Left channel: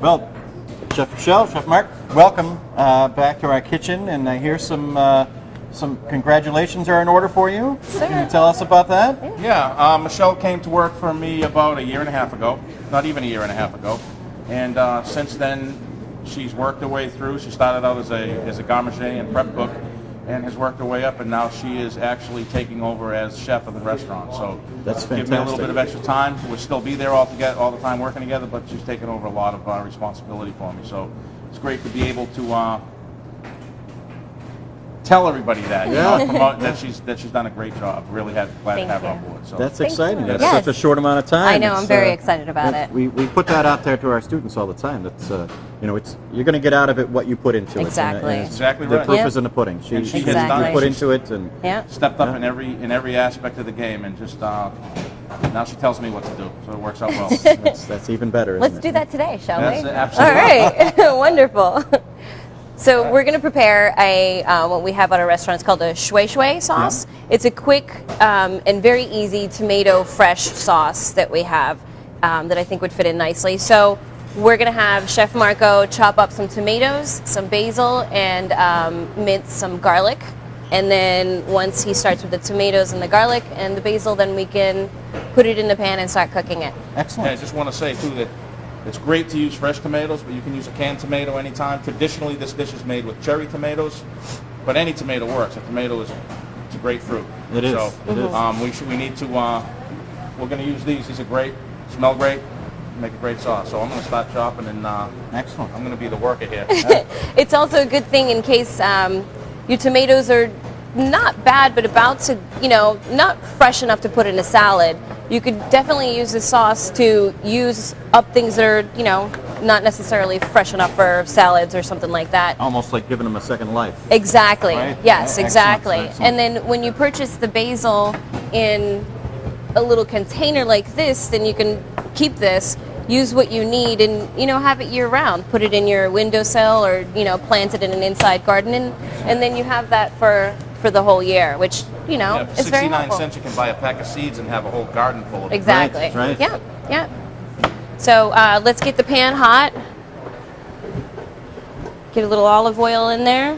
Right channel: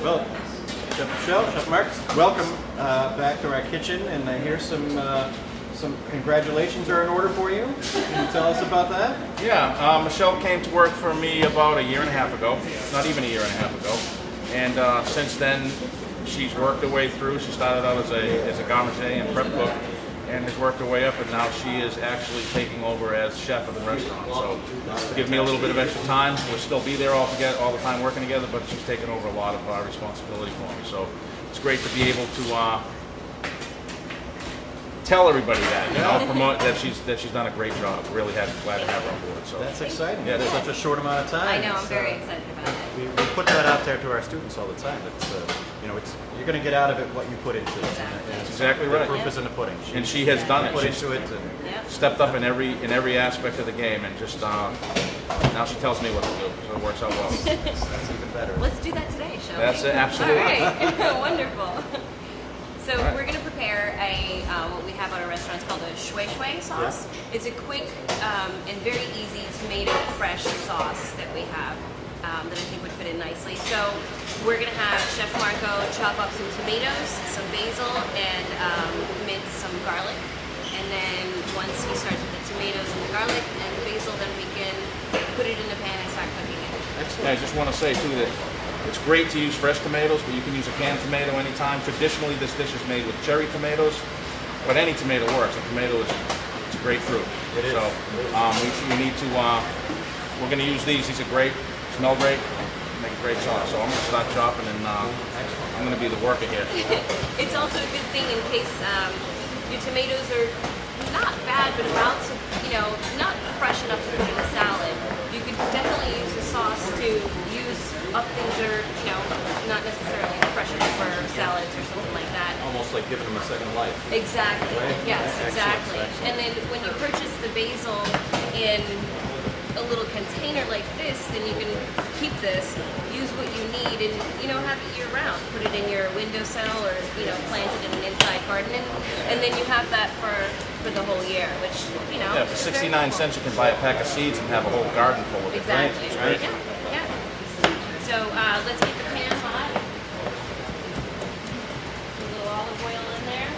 Well, Chef Michelle, Chef Mark, welcome back to our kitchen, and I hear some congratulations are in order for you. Can you tell us about that? Yeah, Michelle came to work for me about a year and a half ago, not even a year and a half ago, and since then she's worked her way through. She started out as a garde manger and prep cook, and has worked her way up, and now she is actually taking over as chef of the restaurant. So that's give me a little bit of extra time. We'll still be there all the time working together, but she's taken over a lot of our responsibility for me. So it's great to be able to tell everybody that, you know, promote that she's done a great job. Really glad to have her on board. So That's exciting. That's Yes. such a short amount of time. I know. I'm very excited about it. We put that out there to our students all the time. That's you're going to get out of it what you put into Exactly. it. And Exactly the right. proof Yeah. is in the pudding. And she has She done it. put into it, and Yeah. stepped up in every aspect of the game, and just now she tells me what to do, so it works out well. that's even better. Let's do that today, shall That's we? absolutely. All right. Wonderful. So we're going to prepare what we have at our restaurant. It's called a Scuie Scuie sauce. Yeah. It's a quick and very easy tomato fresh sauce that we have that I think would fit in nicely. So we're going to have Chef Marco chop up some tomatoes, some basil, and mince some garlic. And then once he starts with the tomatoes and the garlic and the basil, then we can put it in the pan and start cooking it. Excellent. And I just want to say too that it's great to use fresh tomatoes, but you can use a canned tomato anytime. Traditionally, this dish is made with cherry tomatoes, but any tomato works. A tomato it's a great fruit. It is. So It is. we need to. We're going to use these. These are great. Smell great. Make a great sauce. So I'm going to start chopping, and Excellent. I'm going to be the worker here. It's also a good thing in case your tomatoes are not bad, but about to, not fresh enough to put in a salad. You could definitely use this sauce to use up things that are, not necessarily fresh enough for salads or something like that. Almost like giving them a second life. Exactly. Right? Yes, Excellent, exactly. excellent. And then when you purchase the basil in a little container like this, then you can keep this, use what you need, and have it year round. Put it in your windowsill, or plant it in an inside garden, and then you have that for the whole year, which Yeah, for is very 69 helpful. cents, you can buy a pack of seeds and have a whole garden full of it. Exactly. Right. Yeah. Yeah. So let's get the pan hot. Get a little olive oil in there.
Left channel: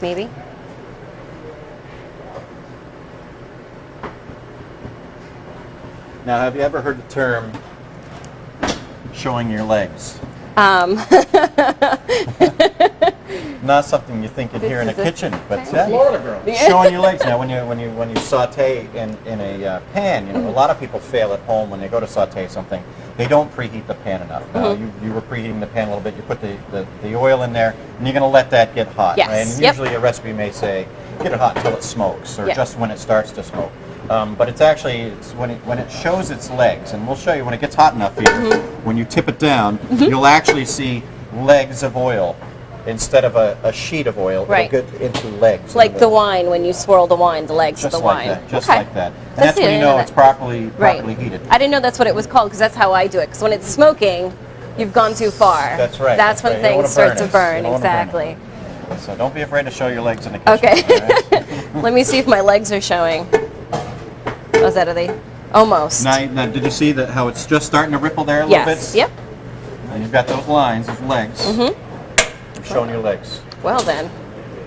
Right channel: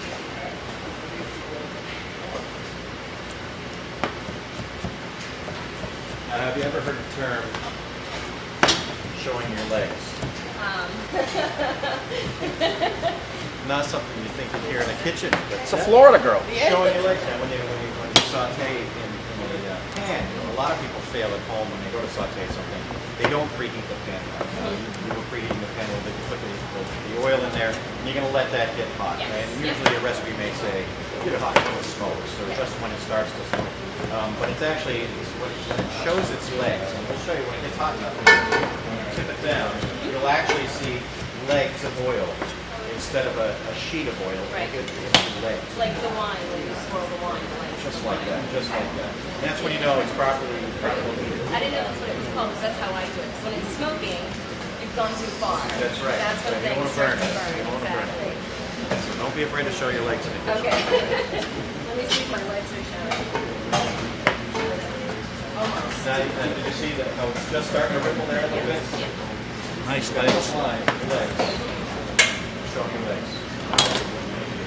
Maybe. Now, have you ever heard the term showing your legs? Not something you think you'd hear in a kitchen, but Florida girl. showing your legs. Now, when you saute in a pan, a lot of people fail at home when they go to saute something. They don't preheat the pan enough. You were preheating the pan a little bit. You put the oil in there, and you're going to let that get hot. Yes. And Yep. usually a recipe may say get it hot until it smokes, or Yep. just when it starts to smoke. But it's actually when it shows its legs, and we'll show you when it gets hot enough here. When you tip it down, you'll actually see legs of oil instead of a sheet of oil. Right. It'll get into legs. Like the wine, when you swirl the wine, the legs Just of the like wine. that. Just Okay. like that. And That's that's it, when I you didn't know know it's that. properly heated. I didn't know that's what it was called, because that's how I do it. Because when it's smoking, you've gone too far. That's right. That's when right. You don't things wanna start to it. burn. You don't wanna burn it. Exactly. So don't be afraid to show your legs in the kitchen. Okay. all right? Let me see if my legs are showing. Oh, is that, are they? Almost. Now, did you see how it's just starting to ripple there a little Yes. bit? Yep. You've got those lines, those legs. Showing your legs. Well then,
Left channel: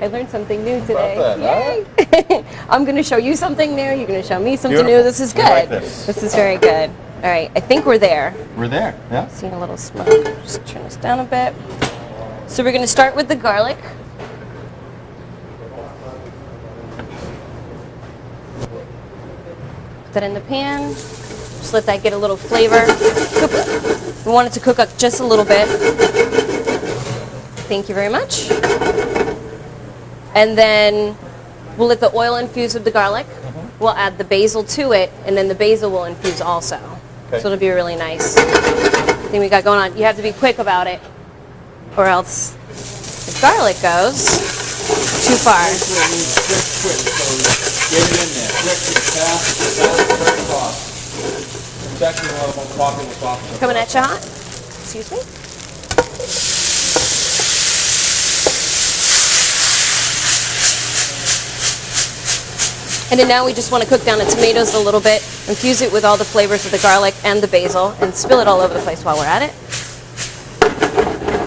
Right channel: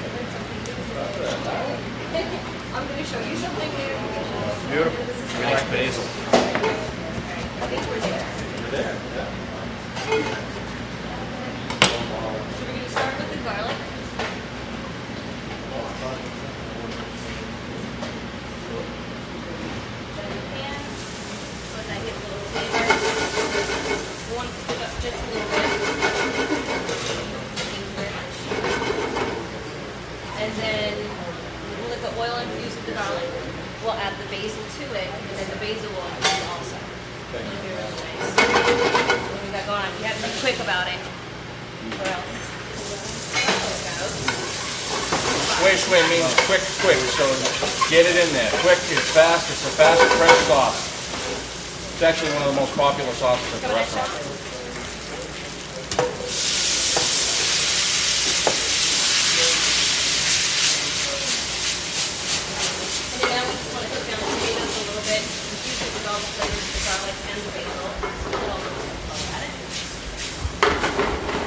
I learned something new today. About that, Yay! I'm going to show you something new. You're going to show me something Beautiful. new. This is good. I like this. This is very good. All right. I think we're there. We're there. Yeah. Seeing a little smoke. Just turn this down a bit. So we're going to start with the garlic. Put that in the pan. Just let that get a little flavor. We want it to cook up just a little bit. Thank you very much. And then we'll let the oil infuse with the garlic. We'll add the basil to it, and then the basil will infuse also. Okay. So it'll be really nice thing we got going on. You have to be quick about it, or else the garlic goes too far. Scuie means quick. So get it in there. Quick and fast. It's the fastest fresh sauce. It's actually one of the most popular sauces. Coming at you hot. Excuse me. And then now we just want to cook down the tomatoes a little bit, infuse it with all the flavors of the garlic and the basil, and spill it all over the place while we're at it.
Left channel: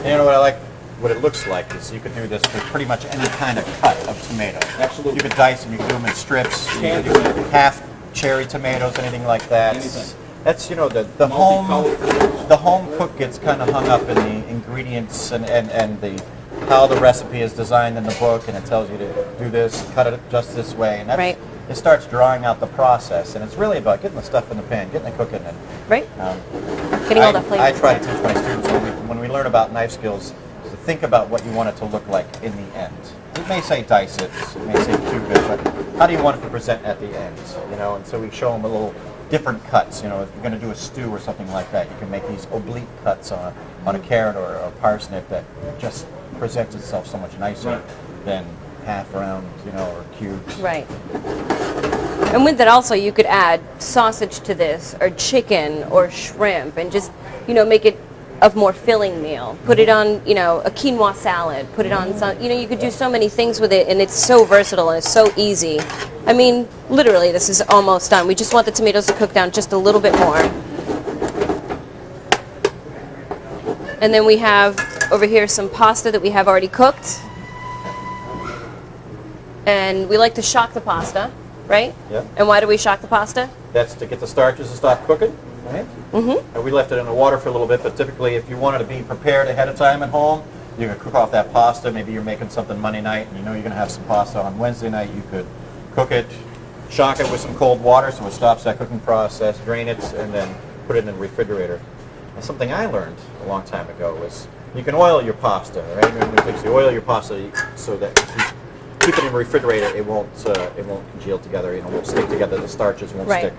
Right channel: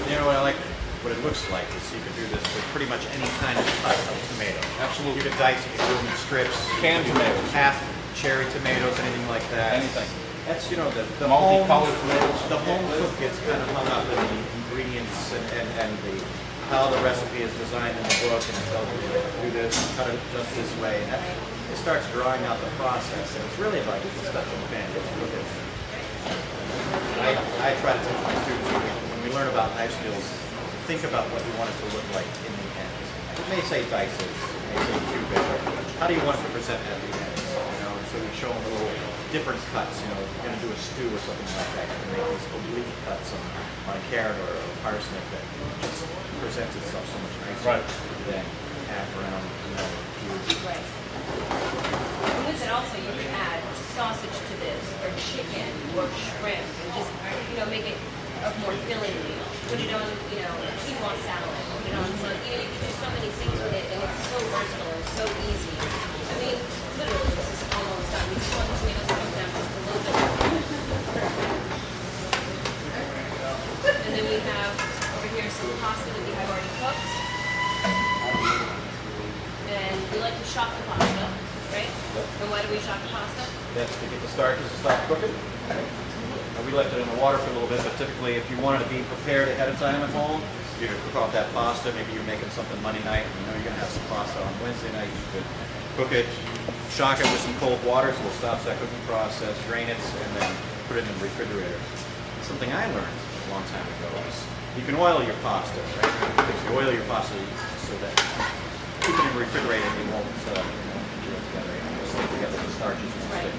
You know what I like? What it looks like is you could do this with pretty much any kind of cut of tomato. Absolutely. You could dice them, you could do them in strips, you Can could do do anything. half cherry tomatoes, anything like that. Anything. That's, you know, the Multicolored tomatoes. the home cook gets kind of hung up in the ingredients and the how the recipe is designed in the book, and it tells you to do this, cut it just this way, and that Right. it starts drawing out the process, and it's really about getting the stuff in the pan, getting it cooking. And, Right? Getting all the I flavors. try to teach my students when we learn about knife skills, to think about what you want it to look like in the end. It may say dice it, it may say cube it, but how do you want it to present at the end? You know, and so we show them a little different cuts. You know, if you're going to do a stew or something like that, you can make these oblique cuts on a carrot or a parsnip that just presents itself so much nicer Right. than half round, you know, or cube. Right. And with that also, you could add sausage to this, or chicken, or shrimp, and just, you know, make it a more filling meal. Put it on, you know, a quinoa salad. Put it on some, you know, you could do so many things with it, and it's so versatile and it's so easy. I mean, literally, this is almost done. We just want the tomatoes to cook down just a little bit more. And then we have over here some pasta that we have already cooked. And we like to shock the pasta, right? Yeah. And why do we shock the pasta? That's to get the starches to stop cooking. Right? Mm-hmm. And we left it in the water for a little bit, but typically if you wanted to be prepared ahead of time at home, you could cook off that pasta. Maybe you're making something Monday night, and you know you're going to have some pasta on Wednesday night. You could cook it, shock it with some cold water so it stops that cooking process, drain it, and then put it in the refrigerator. And something I learned a long time ago was you can oil your pasta, right? You oil your pasta so that if you keep it in the refrigerator, it won't congeal together, it won't stick together, the starches won't Right.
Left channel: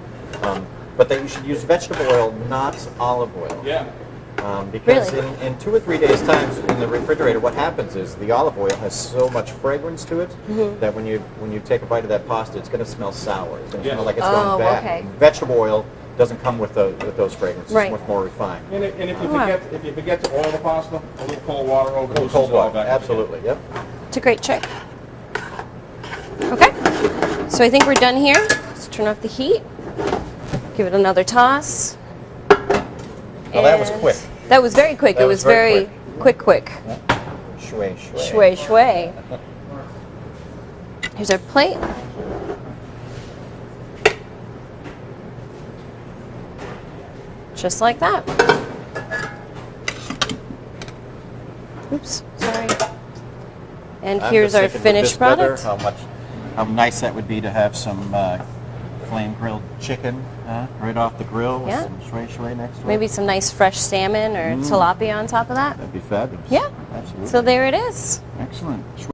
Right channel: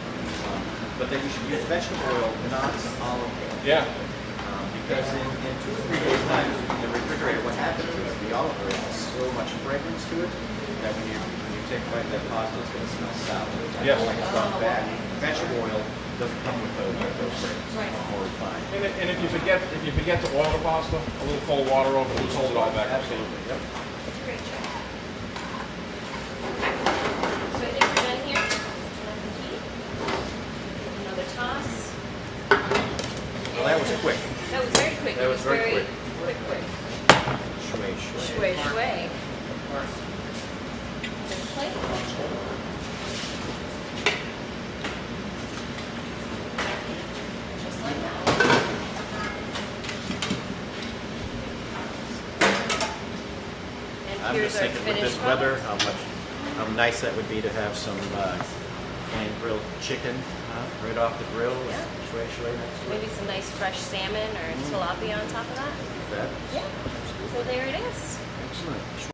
stick. But that you should use vegetable oil, not olive oil. Yeah. Because Really? in 2 or 3 days' time in the refrigerator, what happens is the olive oil has so much fragrance to it that when you take a bite of that pasta, it's going to smell sour. It's gonna Yeah. smell like it's Oh, gone bad. okay. Vegetable oil doesn't come with those fragrances. Right. It's much more refined. And if you Wow. forget to oil the pasta, a little cold water over Little it, cold all water. back. Absolutely. Yep. It's a great trick. Okay, so I think we're done here. Let's turn off the heat. Give it another toss. Well, that was And quick. That was very quick. That It was was very very quick. Shui, shui. Shui, shui. Here's our plate. Just like that. Oops, sorry. And I'm here's just our thinking with finished this weather, product. how nice that would be to have some flame grilled chicken right off the grill with Yeah. some shui shui next to it. Maybe some nice fresh salmon or tilapia on top of that. That'd be fabulous. Yeah. Absolutely. So there it is. Excellent.